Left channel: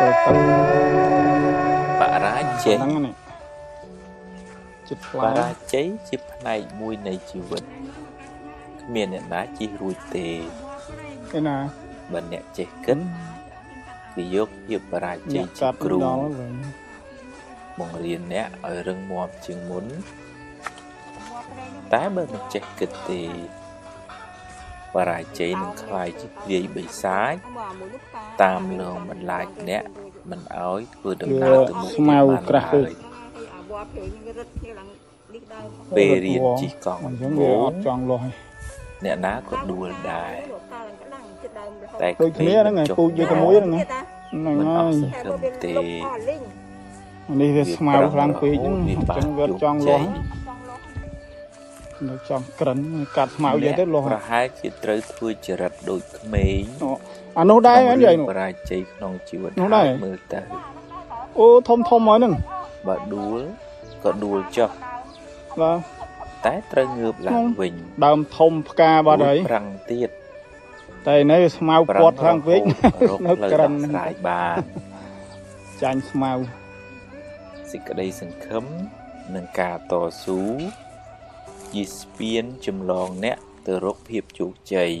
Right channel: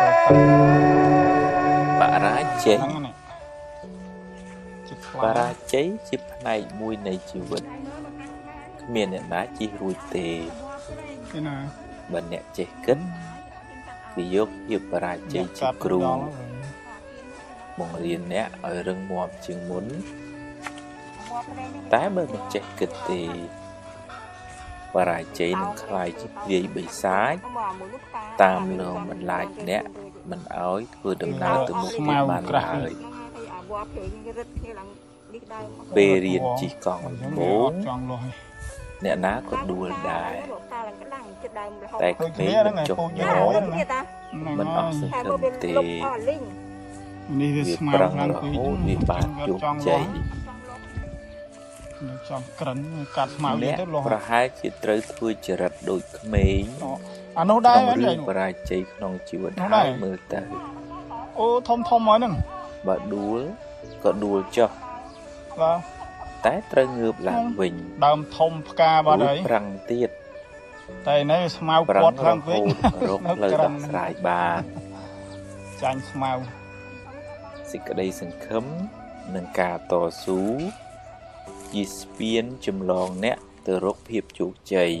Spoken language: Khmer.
បរាជ័យបរាជ័យជាផ្នែកមួយនៃជីវិតគ្មានអ្នកណាជិះរួចទេណាបើអ្នកចេះគិតគឺយកភាពបរាជ័យជាគ្រូបង្រៀនអ្នកឲ្យរឹងមាំជាងមុនតែបើមិនចេះគិតទេបរាជ័យនឹងខ្លាយជាព្រាយបិសាចតាមលងបន្លាចអ្នកមិនឲ្យធ្វើដំណើរទៅមុខទៀតបានឡើយពេលរៀនជិះកង់ដំបូងអ្នកណាក៏ដួលដែរតែក្មេងមិនចុះញ័រមិនអស់សង្ឃឹមទេនេះវាស្មើខ្លាំងពេកវាបានជោគជ័យចាំក្រិនកាត់ស្មៅទៀតលោកប្រហែលជាត្រូវធ្វើចរិតដូចក្មេងអានោះដែររឿងបរាជ័យក្នុងជីវិតហើយមើលទៅអូធំៗហើយហ្នឹងបើដួលក៏ដួលចុះតែត្រូវងើបឡើងវិញដើមធំផ្កាបាត់ហើយប្រឹងទៀតតែនៅស្មៅពាត់ខាងវិញរកផ្លូវដោះស្រាយបានចាញ់ស្មៅសេចក្តីសង្ឃឹមនិងការតស៊ូជាស្ពានចម្លងអ្នកទៅរកភាពជោគជ័យ